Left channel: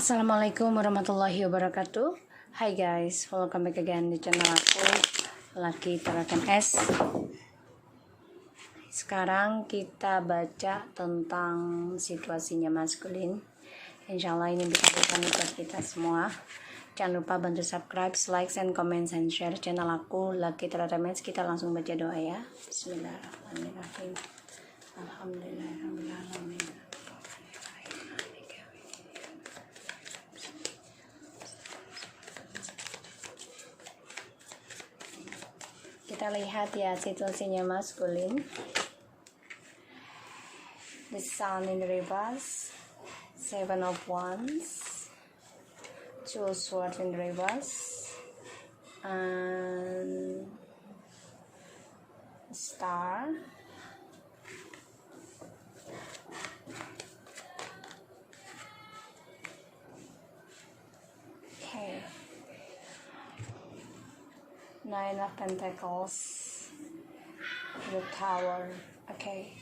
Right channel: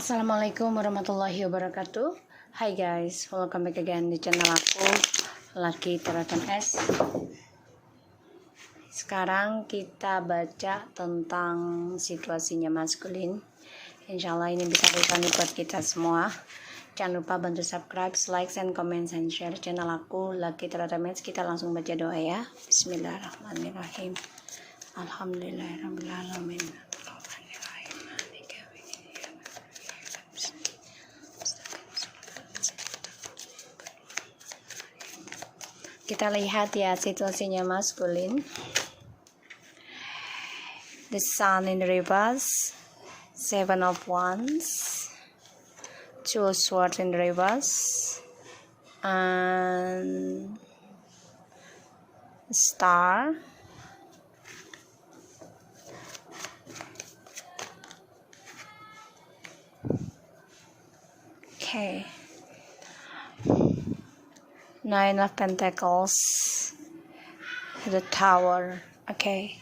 Assalamualaikum warahmatullahi wabarakatuh. Hi guys, welcome back again di channel aku, Lucky Terakan S. Sekarang kita baca tentang situasinya maskulin. Insyaallah ini bisa berguna buat kita semua. Jangan lupa bantu subscribe, like, and comment, and share channel aku, Lucky Terakan S. Kita langsung baca doa ya. Bismillahirrahmanirrahim. Alhamdulillahirrahmanirrahim. Kita lihat ya situasinya maskulin. The Sun in reverse, Seven of Wands, Two of Swords in reverse, and Star. Okay. Nine of Pentacles, the Tower. Okay.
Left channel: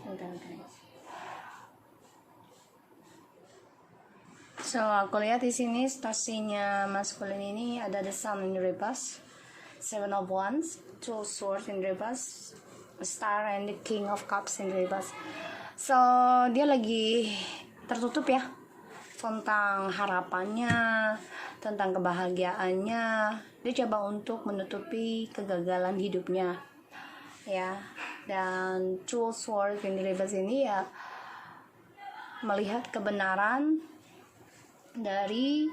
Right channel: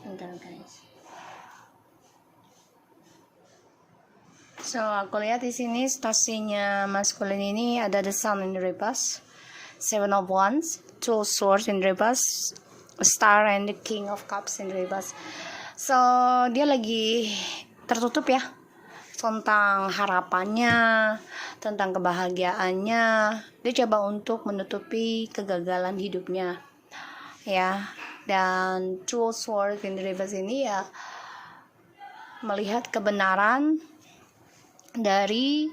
Bentar, guys. So aku lihat di sini situasinya maskulin ini ada the Sun in reverse, Seven of Wands, Two of Swords in reverse, Star, and the King of Cups in reverse. So dia lagi tertutup ya, tentang harapannya, tentang kebahagiaannya. Dia coba untuk menutupi kegagalan hidupnya ya. Dan Two of Swords in reverse ini ya melihat kebenaran dari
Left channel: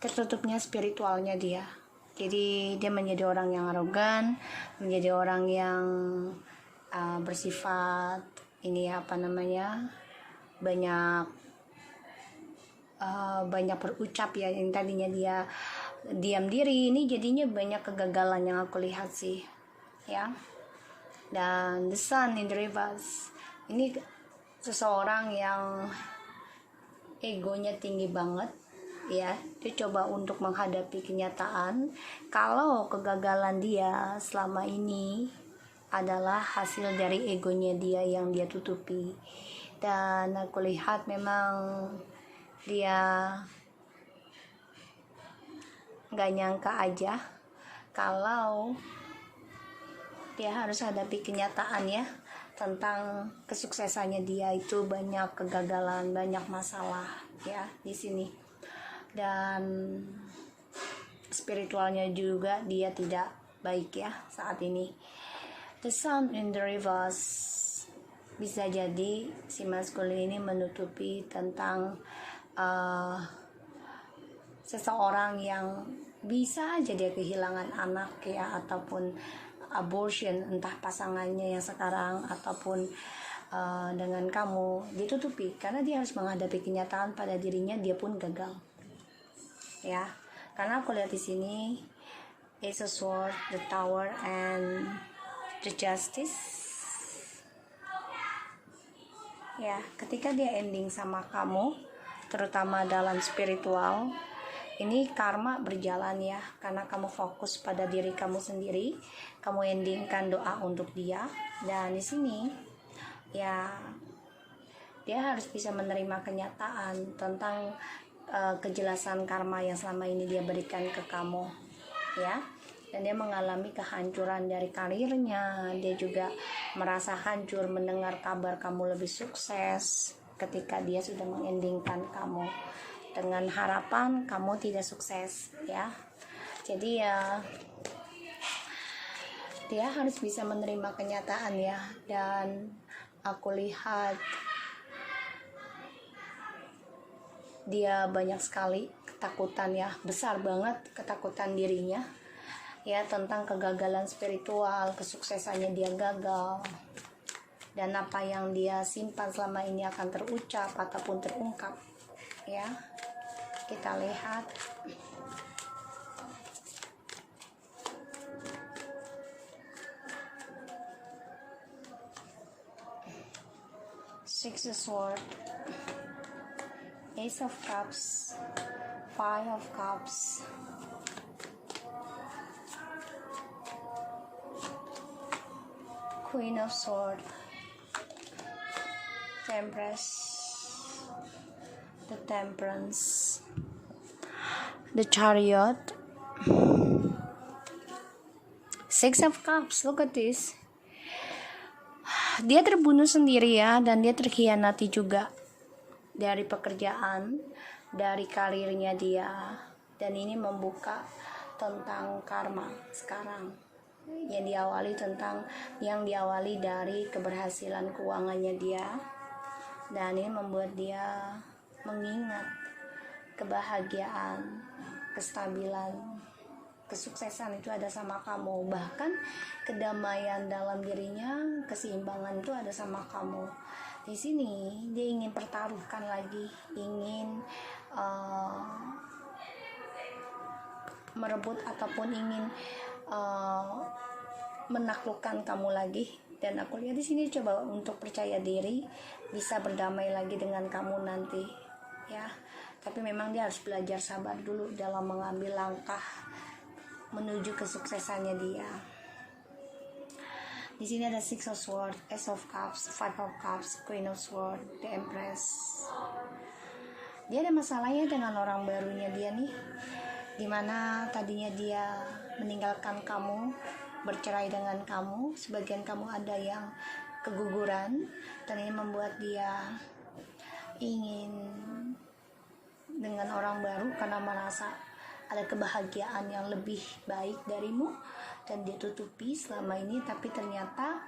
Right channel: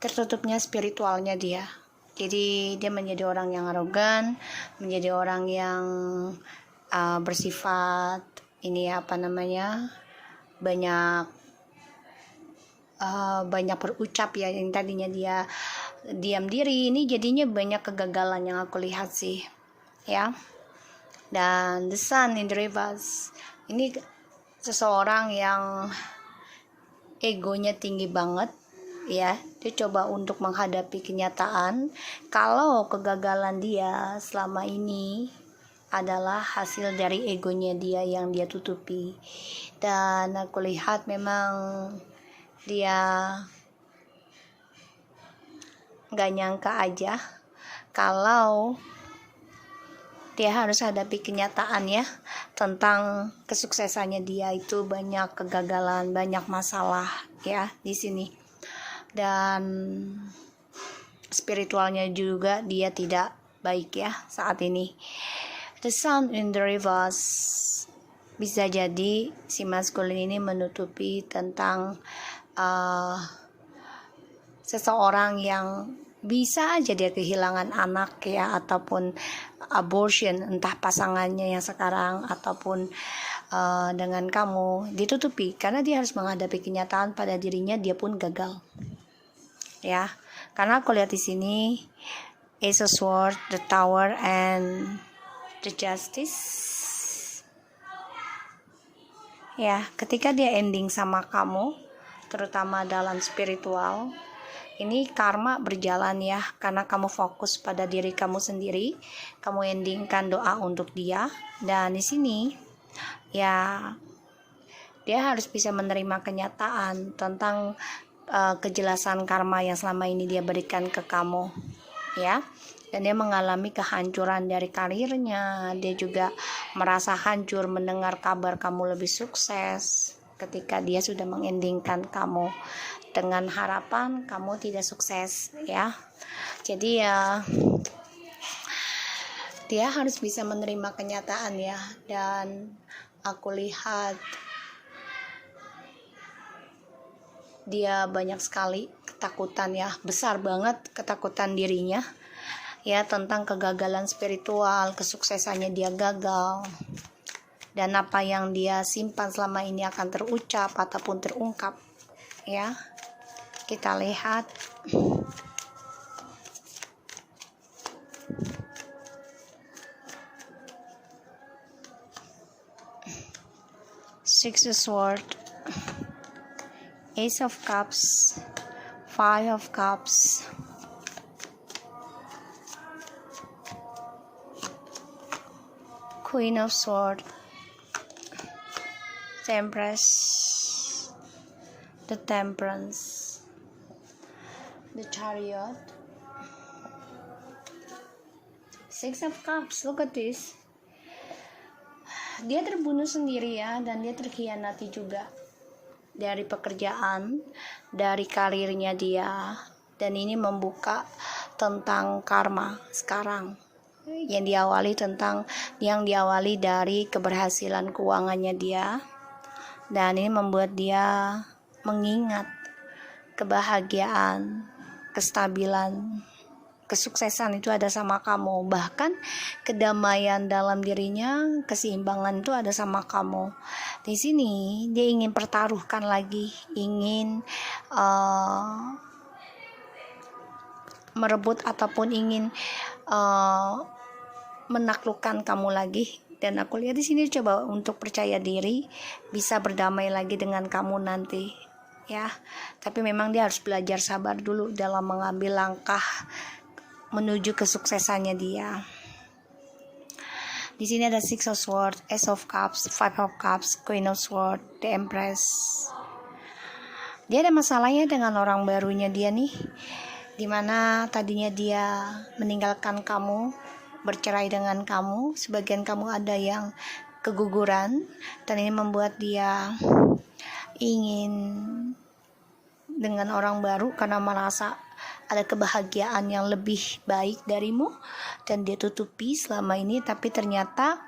tertutupnya spiritualnya dia. Jadi dia menjadi orang yang arogan, menjadi orang yang bersifat banyak berucap ya. Yang tadinya dia diam diri, ini jadinya banyak kegagalan yang aku lihat sih ya. Dan the Sun in the reverse ini seseorang yang egonya tinggi banget ya. Dia coba untuk menghadapi kenyataan kalau kegagalan dia selama ini adalah hasil dari egonya dia yang dia tutupi. Dan aku lihat memang dia gak nyangka aja kalau dia harus hadapi kenyataan ya, tentang kesuksesannya dia itu banyak kegagalan, banyak masalah ya di sini. Dan spiritualnya juga dia tidak baik ya saat ini. The Sun in the reverse bisa jadi si maskulin ini menutupi tentang seseorang yang bisa aja dia kehilangan anak ya, ataupun abortion, entah pasangannya yang sekarang ataupun dengan kamu, ditutupi karena dia harus menghadapi kenyataan pada dirinya dia pun gagal ya. Karena aku lihat di sini Ace of Swords, the Tower, and the Justice ya. Ketika dia ending sama kamu, terutama dalam spiritual, ini karma berjalan ya, karena kamu fokus pada diri kamu sendiri, kamu endingkan doa untuk dia. Dan di sini ya dia harus bisa menerima kenyataan tentang kejelasan karma yang selama ini dia berikan ke kamu ya. Dan dia mengalami kehancuran dari karirnya. Dia juga merasa hancur mendengar kabar kamu lebih sukses ketika dia sudah mengendingkan kamu dengan harapan kamu tidak sukses ya. Jadi ya dia harus bisa menerima kenyataan ya. Dan aku lihat dia banyak sekali ketakutan ya, besar banget ketakutan dirinya ya, tentang kegagalan spiritual, kesuksesannya dia gagal, dan apa yang dia simpan selama ini akan terucap ataupun terungkap ya. Kita lihat Six of Swords, Ace of Cups, Five of Cups, Queen of Swords, the Empress, the Temperance, the Chariot, Six of Cups. Look at this. Dia terbunuh sendiri ya, dan dia terkhianati juga dari pekerjaan, dari karirnya dia, dan ini membuka tentang karma sekarang yang diawali dari keberhasilan keuangannya dia, dan ini membuat dia mengingat kebahagiaan, kestabilan, kesuksesan itu ada sama kamu, bahkan kedamaian dalam dirinya, keseimbangan itu ada sama kamu. Di sini dia ingin pertaruhkan lagi, ingin merebut ataupun ingin menaklukkan kamu lagi. Dan aku lihat di sini coba untuk percaya diri, bisa berdamai lagi dengan kamu nanti ya. Tapi memang dia harus belajar sabar dulu dalam mengambil langkah menuju kesuksesannya dia. Di sini ada Six of Swords, Ace of Cups, Five of Cups, Queen of Swords, the Empress. Dia ada masalahnya dengan orang barunya dia nih, dimana tadinya dia meninggalkan kamu, bercerai dengan kamu. Sebagian kamu ada yang keguguran, dan ini membuat dia ingin dengan orang baru karena merasa ada kebahagiaan yang lebih baik darimu, dan dia tutupi selama ini. Tapi ternyata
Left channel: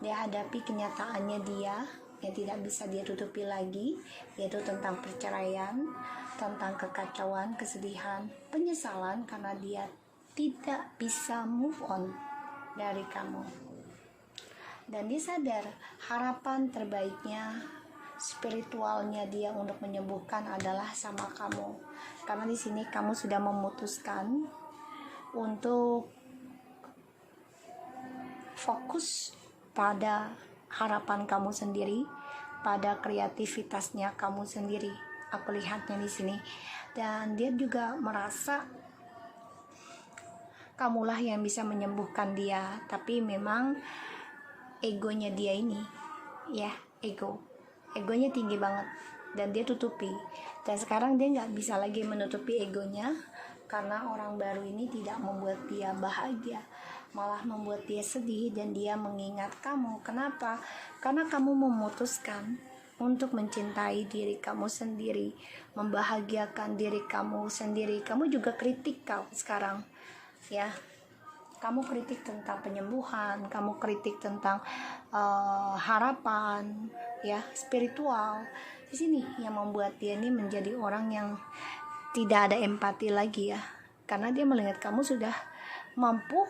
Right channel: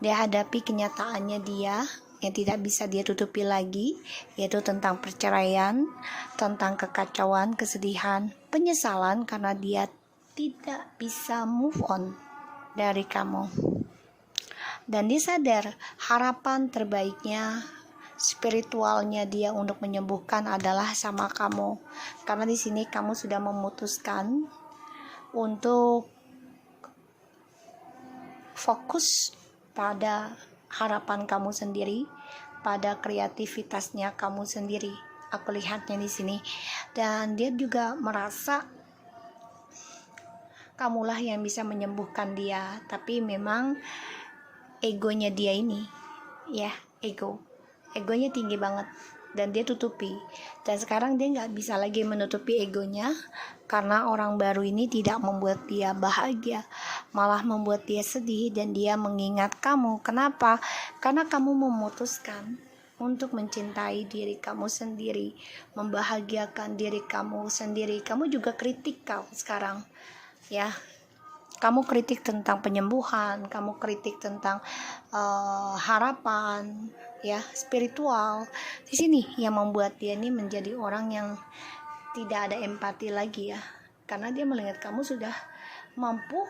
dia hadapi kenyataannya dia yang tidak bisa dia tutupi lagi, yaitu tentang perceraian, tentang kekacauan, kesedihan, penyesalan karena dia tidak bisa move on dari kamu. Dan dia sadar harapan terbaiknya, spiritualnya dia untuk menyembuhkan adalah sama kamu, karena di sini kamu sudah memutuskan untuk fokus pada harapan kamu sendiri, pada kreativitasnya kamu sendiri. Aku lihatnya di sini, dan dia juga merasa kamulah yang bisa menyembuhkan dia. Tapi memang egonya dia ini ya, egonya tinggi banget, dan dia tutupi. Dan sekarang dia nggak bisa lagi menutupi egonya, karena orang baru ini tidak membuat dia bahagia, malah membuat dia sedih, dan dia mengingat kamu. Kenapa? Karena kamu memutuskan untuk mencintai diri kamu sendiri, membahagiakan diri kamu sendiri. Kamu juga kritik kau sekarang ya. Kamu kritik tentang penyembuhan, kamu kritik tentang harapan ya, spiritual. Di sini yang membuat dia ini menjadi orang yang tidak ada empati lagi ya, karena dia melihat kamu sudah mampu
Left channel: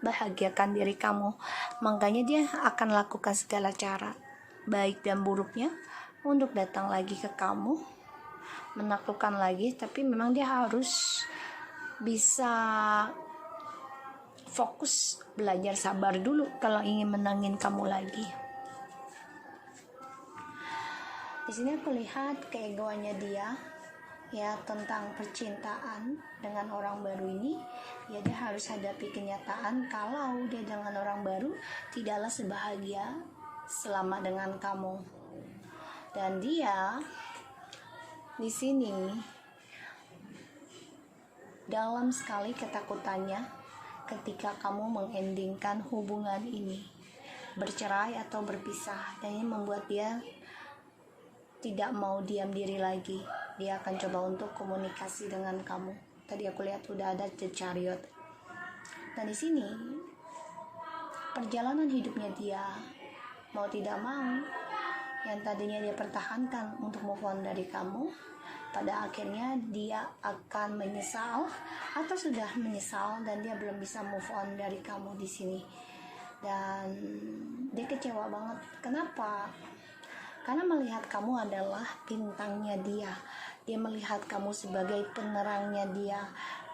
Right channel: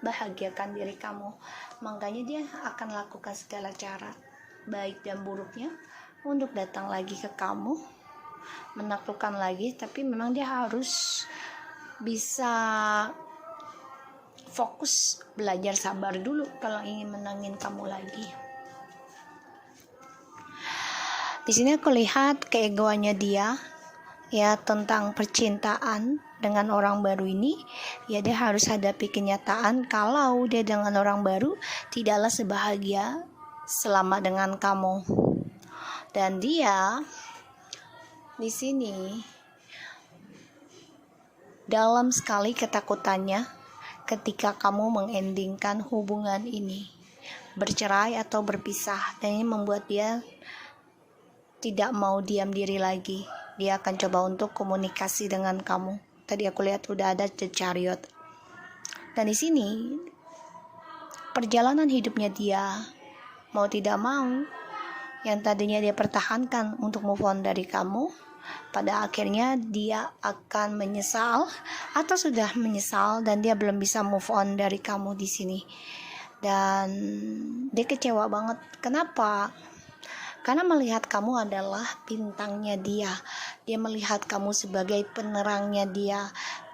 bahagiakan diri kamu. Makanya dia akan lakukan segala cara, baik dan buruknya, untuk datang lagi ke kamu, menaklukkan lagi. Tapi memang dia harus bisa fokus, belajar sabar dulu kalau ingin menangin kamu lagi. Di sini aku lihat keegoannya dia ya, tentang percintaan dengan orang baru ini ya. Dia harus hadapi kenyataan kalau dia dengan orang baru tidaklah sebahagia selama dengan kamu. Dan dia di sini dalam sekali ketakutannya ketika kamu mengendingkan hubungan ini, bercerai atau berpisah. Dan ini membuat dia tidak mau diam diri lagi. Dia akan coba untuk komunikasi dengan kamu. Tadi aku lihat udah ada the Chariot. Dan di sini perjalanan hidupnya dia, mau tidak mau, yang tadinya dia pertahankan untuk move on dari kamu, pada akhirnya dia akan menyesal atau sudah menyesal, dan dia belum bisa move on dari kamu di sini. Dan dia kecewa banget. Kenapa? Karena melihat kamu adalah bintangnya dia. Dia melihat kamu sebagai penerangnya dia,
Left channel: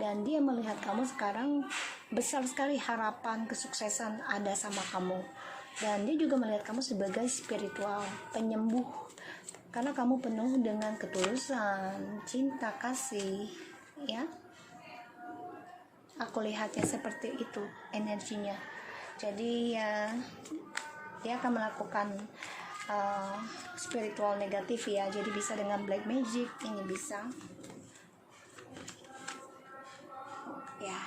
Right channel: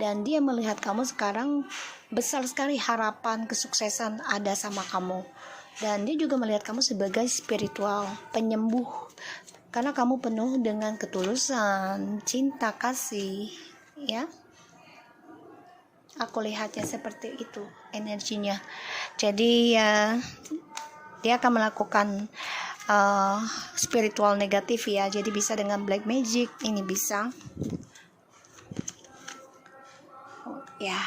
dan dia melihat kamu sekarang besar sekali harapan kesuksesan ada sama kamu. Dan dia juga melihat kamu sebagai spiritual, penyembuh, karena kamu penuh dengan ketulusan, cinta, kasih ya. Aku lihatnya seperti itu energinya. Jadi ya, dia akan melakukan spiritual negatif ya. Jadi bisa dengan black magic, ini bisa ya.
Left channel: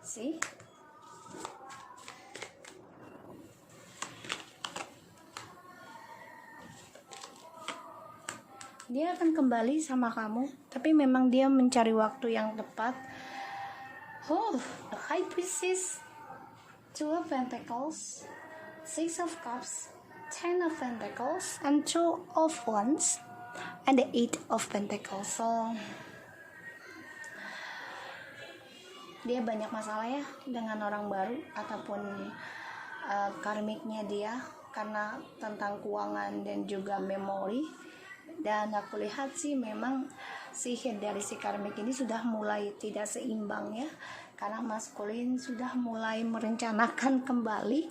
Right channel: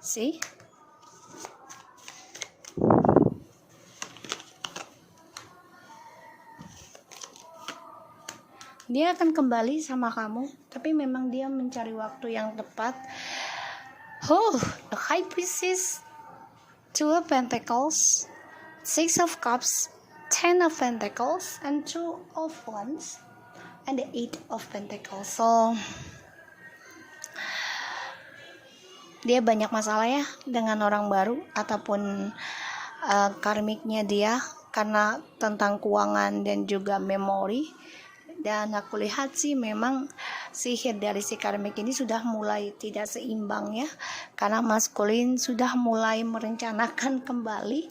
See? Dia akan kembali sama kamu, tapi memang dia mencari waktu yang tepat. The High Priestess, Two of Pentacles, Six of Cups, Ten of Pentacles, and Two of Wands, and the Eight of Pentacles. So dia banyak masalah ya dengan orang baru ataupun karmiknya dia, karena tentang keuangan dan juga memori. Dan aku lihat sih memang sihir dari si karmik ini sudah mulai tidak seimbang ya, karena maskulin sudah mulai merencanakan kembali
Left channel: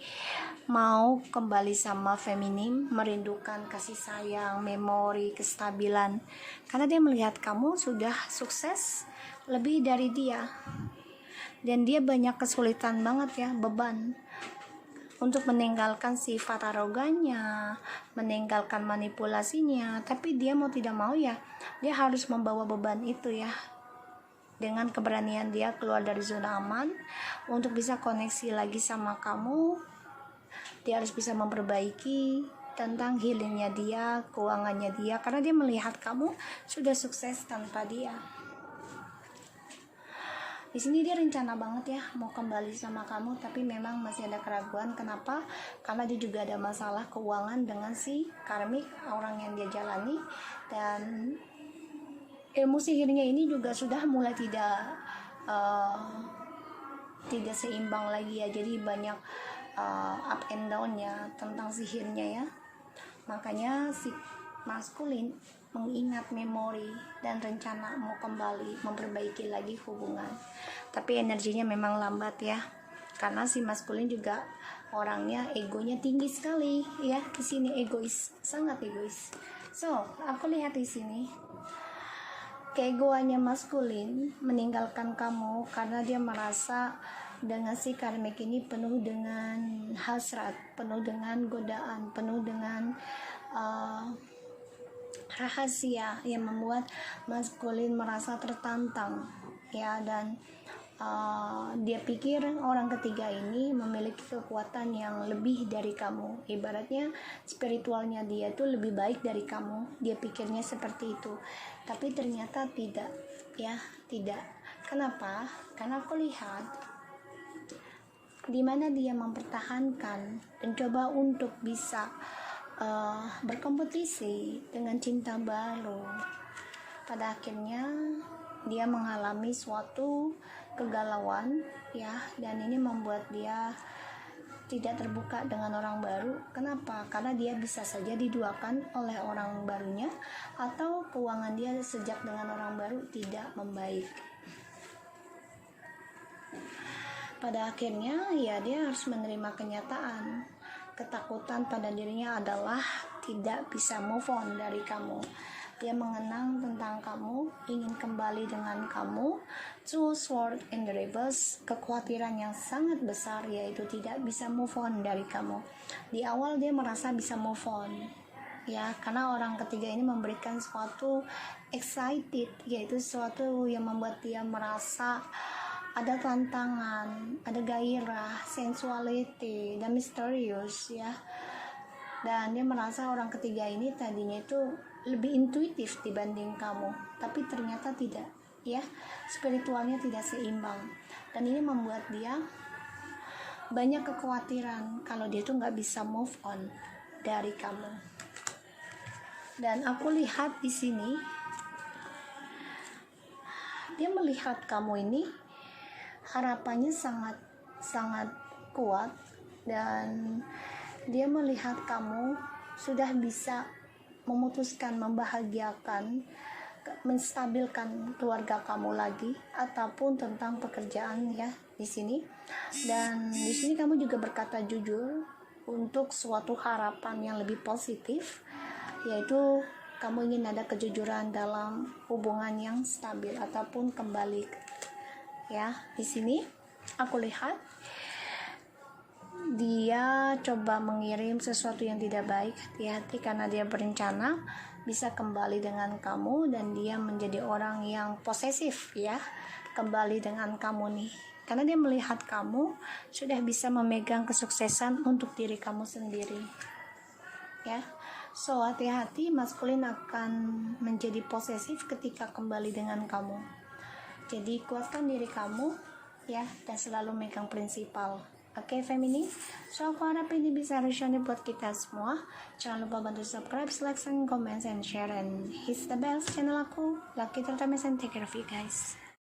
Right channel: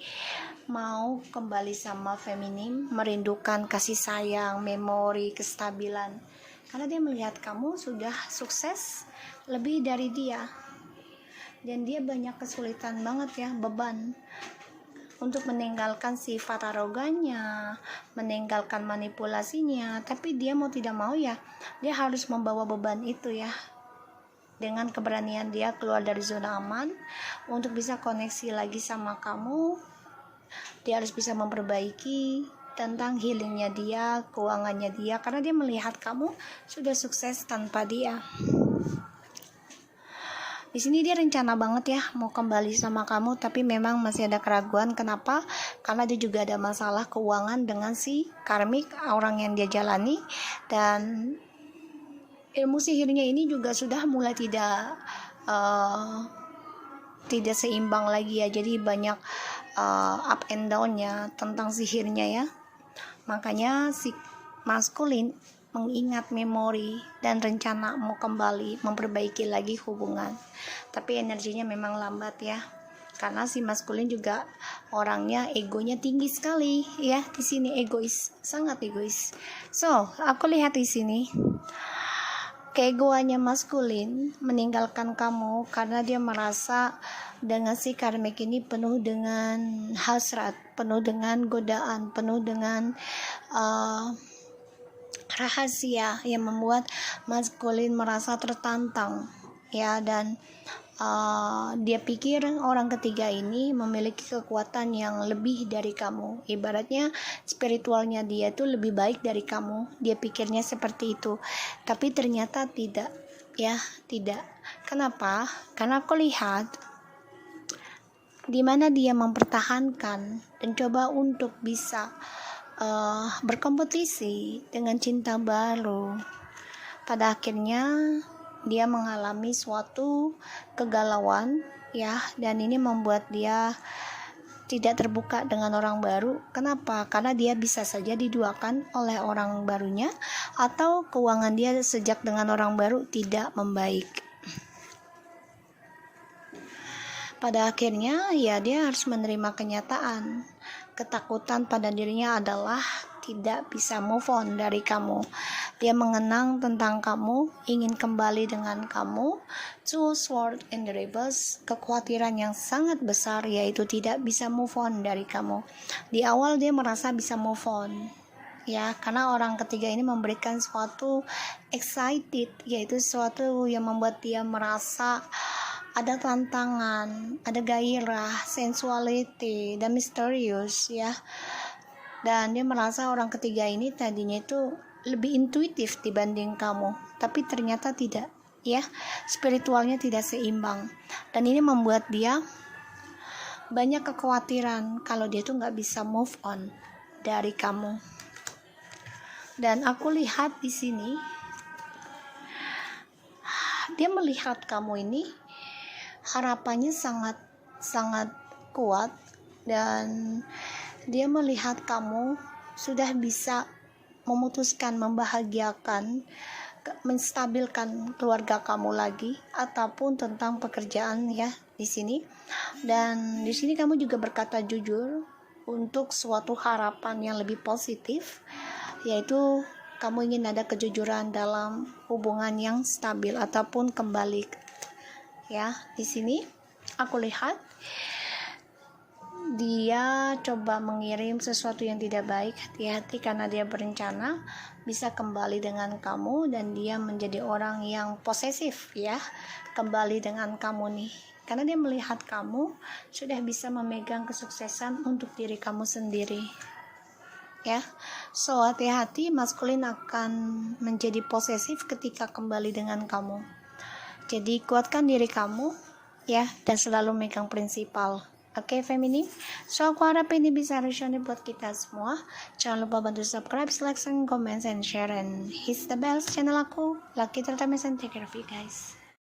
mau kembali sama feminim, merindukan kasih sayang, memori, kestabilan, karena dia melihat kamu sudah sukses lebih dari dia, dan dia banyak kesulitan banget ya, beban untuk meninggalkan sifat arogannya, meninggalkan manipulasinya. Tapi dia mau tidak mau ya, dia harus membawa beban itu ya. Dengan keberanian dia keluar dari zona aman untuk bisa koneksi lagi sama kamu. Dia harus bisa memperbaiki tentang healingnya dia, keuangannya dia, karena dia melihat kamu sudah sukses tanpa dia. Di sini dia rencana banget ya mau kembali sama kamu, tapi memang masih ada keraguan. Kenapa? Karena dia juga ada masalah keuangan dengan si karmik, orang yang dia jalani, dan ilmu sihirnya ini juga sudah mulai tidak seimbang lagi ya. Jadi banyak up and down-nya tentang sihirnya ya. Makanya si maskulin mengingat memori dan rencana mau kembali memperbaiki lagi hubungan, tapi energinya memang lambat ya, karena si maskulin juga orangnya egonya tinggi sekali ya. Di sini egois, sangat egois. So aku lihat di sini keegoannya maskulin meninggalkan kamu karena dia merasa dengan si karmik ini penuh dengan hasrat, penuh dengan godaan, penuh dengan rahasia yang membuat maskulin merasa tertantang ya. Dan dia pikir orang ketiga ini memiliki kekuatan yang lebih dari kamu, ibaratnya spiritualnya dia itu lebih baik dari kamu. Dia pikirnya seperti itu, tapi ternyata tidak ya, tidak. Kenapa? Karena aku lihat di mana dia mempertahankan dan coba untuk bisa berkompetisi dengan cinta baru. Pada akhirnya dia mengalami suatu kegalauan ya, dan ini membuat dia tidak terbuka dengan orang baru. Kenapa? Karena dia bisa saja diduakan oleh orang barunya, atau keuangan dia sejak dengan orang baru tidak membaik. Pada akhirnya ya dia harus menerima kenyataan. Ketakutan pada dirinya adalah tidak bisa move on dari kamu. Dia mengenang tentang kamu, ingin kembali dengan kamu. Two Swords in the reverse, kekhawatiran yang sangat besar yaitu tidak bisa move on dari kamu. Di awal dia merasa bisa move on ya, karena orang ketiga ini memberikan suatu excited, yaitu suatu yang membuat dia merasa ada tantangan, ada gairah, sensuality, dan misterius ya. Dan dia merasa orang ketiga ini tadinya itu lebih intuitif dibanding kamu, tapi ternyata tidak ya, spiritualnya tidak seimbang. Dan ini membuat dia banyak kekhawatiran kalau dia tuh nggak bisa move on dari kamu. Dan aku lihat di sini dia melihat kamu ini harapannya sangat kuat, dan dia melihat kamu sudah bisa memutuskan, membahagiakan, menstabilkan keluarga kamu lagi, ataupun tentang pekerjaan ya di sini. Dan di sini kamu juga berkata jujur untuk suatu harapan yang lebih positif, yaitu kamu ingin ada kejujuran dalam hubungan yang stabil ataupun kembali. Ya, di sini aku lihat dia coba mengirim sesuatu yang tidak baik. Hati-hati karena dia berencana bisa kembali dengan kamu, dan dia menjadi orang yang posesif ya, kembali dengan kamu nih, karena dia melihat kamu sudah bisa memegang kesuksesan untuk diri kamu sendiri ya. So hati-hati, maskulin akan menjadi posesif ketika kembali dengan kamu. Jadi kuatkan diri kamu ya, dan selalu megang prinsipal. Oke, feminin. So aku harap ini bisa resonate buat kita semua. Jangan lupa bantu subscribe, like, comment, and share, and hit the bell channel aku. Lucky Tertames, and take care of you guys.